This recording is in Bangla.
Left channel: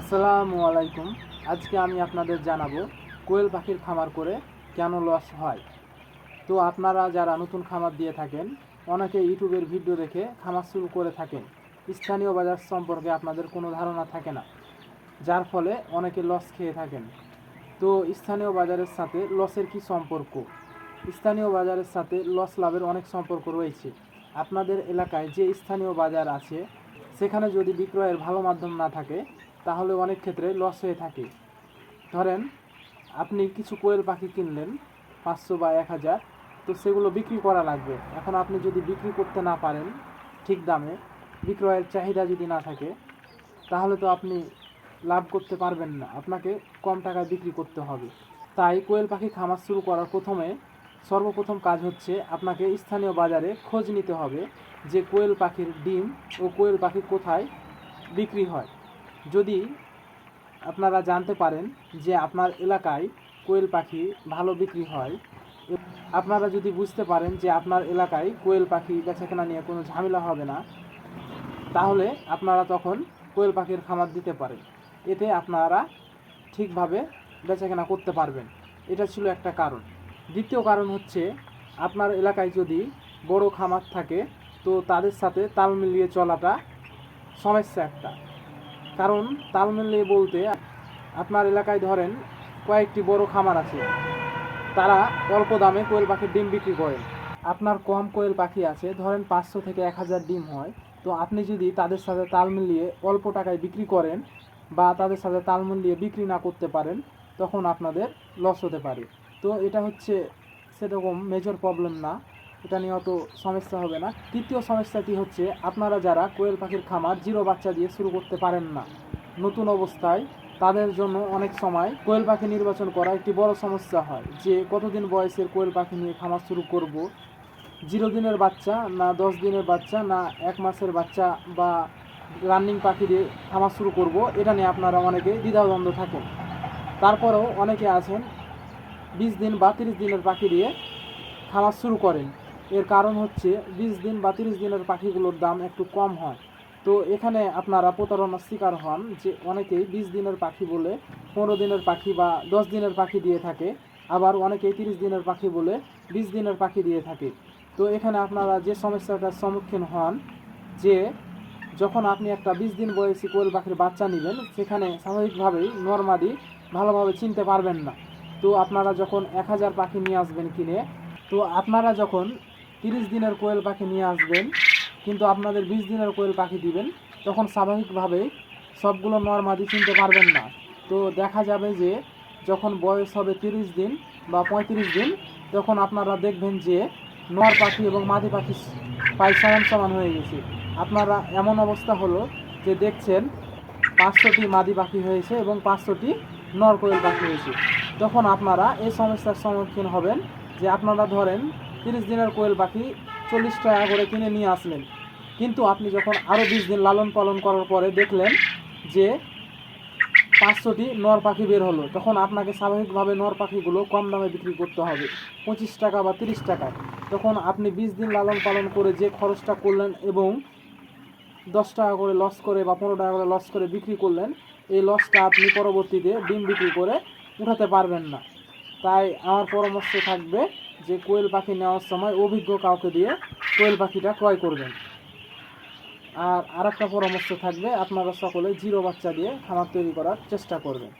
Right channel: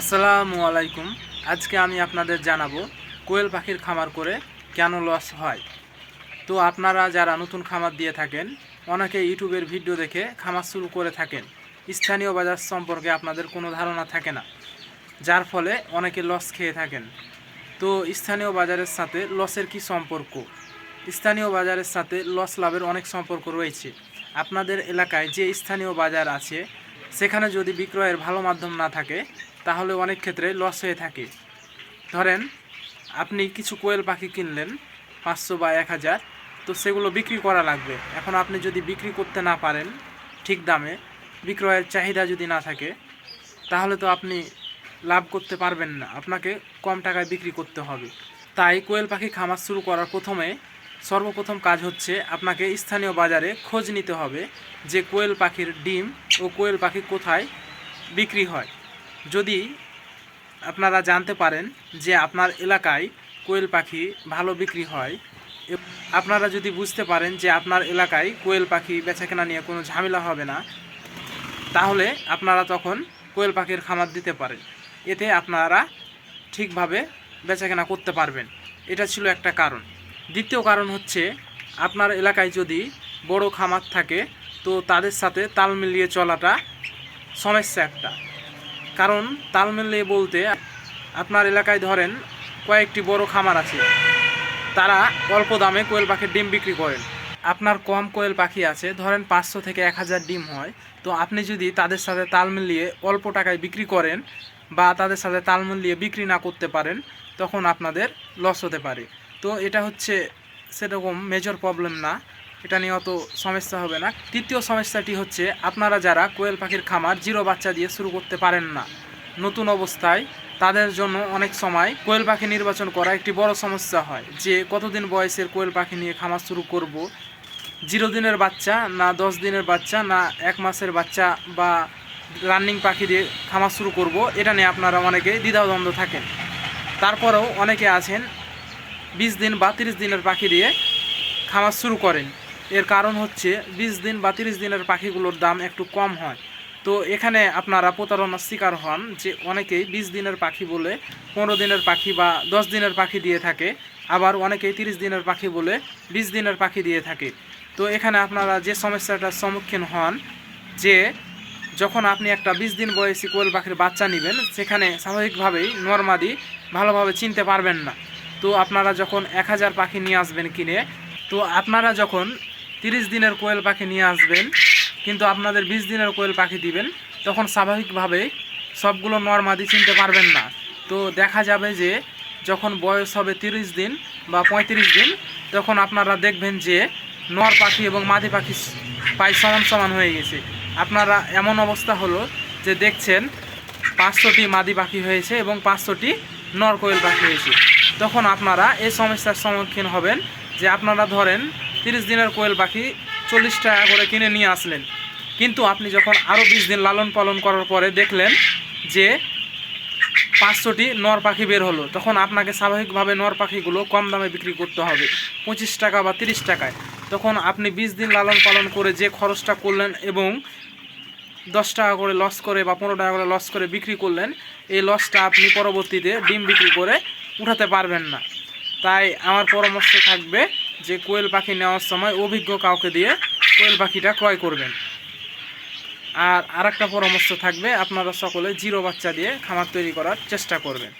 আসসালামু আলাইকুম। আজকে আমি আপনাদের জানাব কোয়েল পাখির খামার করে কেন লস হয়। তো আপনারা যারা নতুন খামার দিয়ে থাকেন, অনেকে ইউটিউবের ভিডিও দেখে খামার শুরু করে থাকেন। স্থানীয় বাজার সম্পর্কে আপনাদের কোনো ধারণা থাকে না, যার ফলে অনেকে লস খেয়ে থাকেন। তো স্থানীয় বাজারের সাথে লসের কি সম্পর্ক? স্থানীয় বাজারের সাথে লস লাভের অনেক সম্পর্ক রয়েছে। আপনাদের এলাকায় যে স্থানীয় বাজার আছে, সেখানে যদি বিক্রয়ের ভালো মাধ্যম না থাকে তাহলে অনেক ক্ষেত্রে লস হয়ে থাকে। ধরেন, আপনি কিছু কোয়েল পাখি কিনলেন, পাঁচশো বা এক হাজার, তো সেগুলো বিক্রি করা লাগবে। এখন আপনি যদি বিক্রি করতে না পারেন ঠিক দামে, বিক্রয়ের চাহিদা যদি না থাকে, তাহলে তো আপনি লাভ করতে পারবেন না। আপনাকে কম টাকায় বিক্রি করতে হবে। তাই কোয়েল পাখি খামার শুরু করার প্রথমে সর্বপ্রথম কাজ হচ্ছে আপনাকে স্থানীয় বাজারে খোঁজ নিতে হবে যে কোয়েল পাখির ডিম ও কোয়েল পাখি কোথায় বিক্রি হয়। যদি আপনারা জানতে পারেন যে আপনার এলাকায় কোয়েল পাখি ভালো বিক্রি হয় আপনারা যদি বুঝতে পারেন যে আপনার এলাকায় কোয়েল পাখি বেচাকেনা নিয়ে কোনো ঝামেলা হবে না, তাহলে আপনারা তখন কোয়েল পাখির খামার দিতে পারেন। এতে আপনারা ঠিকভাবে বেচাকেনা করতে পারবেন। এটা ছিল একটা কারণ। দ্বিতীয় কারণ হচ্ছে, আপনার এলাকায় যদি বড় খামার থাকে, তো তাদের সাথে তাল মিলিয়ে চলাটা সমস্যা একটা। কারণ তাল মিলিয়ে বলতে আপনার এলাকায় ধরেন কয়েকটি বড় খামার আছে। তারা অল্প দামে কোয়েল পাখির ডিম বিক্রি করেন। আপনার কম কোয়েল পাখি আছে, ধরেন পাঁচশো থেকে এক হাজার ডিম হয়। তো আপনি যদি তাদের সাথে তাল মিলিয়ে অল্প টাকায় বিক্রি করেন বা তাদের সাথে তাল মিলিয়ে বিক্রি না করতে পারেন, তখন আপনাদের লস হতে পারে। তো এটা হচ্ছে সেরকম মেজর প্রবলেম না। এটা নিয়ে অত সমস্যা হবে না। তৃতীয় সমস্যাটি হচ্ছে আপনারা যারা কোয়েল পাখির খামার জিরো বাচ্চা দিয়ে শুরু করতে পারেন না, নতুন অবস্থায় তাদের জন্য অনেক সময় কোয়েল পাখি নির্বাচন করা একটি বড় সমস্যা হয়। যে কতদিন বয়সের কোয়েল পাখি নিয়ে খামার শুরু করব, জিরো দিনের বাচ্চা না দশ দিনের বাচ্চা না এক মাসের বাচ্চা বা রানিং পাখি দিয়ে খামার শুরু করব, এটা নিয়ে আপনারা অনেকে দ্বিধাদ্বন্দ্ব থাকেন। তারপরেও অনেকে আছেন, বিশ দিন বা তিরিশ দিনের পাখি দিয়ে খামার শুরু করেন। এর কারণ হচ্ছে বিশ দিন বা তিরিশ দিনের পাখিগুলোর দাম একটু কম হয়। তো এখানে আপনারা প্রতারণার শিকার হন যে অনেকেই বিশ দিনের পাখি বলে পনেরো দিনের পাখি বা দশ দিনের পাখি দিয়ে থাকে, আবার অনেকেই তিরিশ দিনের পাখি বলে বিশ দিনের পাখি দিয়ে থাকে। তো এখানে আপনারা যে সমস্যাটার সম্মুখীন হন যে যখন আপনি একটা বিশ দিন বয়সী কোয়েল পাখির বাচ্চা নেবেন, সেখানে স্বাভাবিকভাবেই নর্মাদি ভালোভাবে চিনতে পারবেন না। তো আপনারা যখন এক হাজার পাখি নিয়ে আসবেন কিনে, তো আপনারা যখন তিরিশ দিনের কোয়েল পাখি নিয়ে আসবেন, কিন্তু আপনাদের বিশ দিনের কোয়েল পাখি দিবেন। তখন স্বাভাবিকভাবে সবগুলো নর্মাদি চিনতে পারবেন না। তো দেখা যাবে যে যখন বয়স হবে তিরিশ দিন বা পঁয়ত্রিশ দিন, তখন আপনারা দেখবেন যে নর পাখি এবং মাদি পাখি প্রায় সমান সমান হয়ে গেছে। আপনারা এমন অবস্থা হলো যে দেখছেন পাঁচশোটি মাদি পাখি হয়েছে এবং পাঁচশোটি নর কোয়েল পাখি হয়েছে। তখন আপনারা এই সমস্যার সম্মুখীন হবেন যে আপনারা ধরেন তিরিশ দিনের কোয়েল পাখি চল্লিশ টাকা করে কিনে নিয়ে আসলেন। কিন্তু আপনি যখন আরও বিশ দিন লালন পালন করার পরে দেখলেন যে পাঁচশোটি নর পাখি বের হলো, তখন আপনাকে স্বাভাবিকভাবে নর পাখিগুলো কম দামে বিক্রি করতে হবে, পঁচিশ টাকা বা তিরিশ টাকায়। তখন আপনি বিশ দিন লালন পালন করে যে খরচটা করলেন এবং দশ টাকা করে লস করে বা পনেরো টাকা করে লস করে বিক্রি করলেন, এই লসটা আপনি পরবর্তীতে ডিম বিক্রি করে উঠাতে পারবেন না। তাই আমার পরামর্শ থাকবে যে কোয়েল পাখি নেওয়ার সময় অভিজ্ঞ কাউকে দিয়ে কোয়েল পাখিটা ক্রয় করবেন। আর আরেকটা পরামর্শ থাকবে, আপনারা সকলে জিরো বাচ্চা দিয়ে খামার তৈরি করার চেষ্টা করবেন।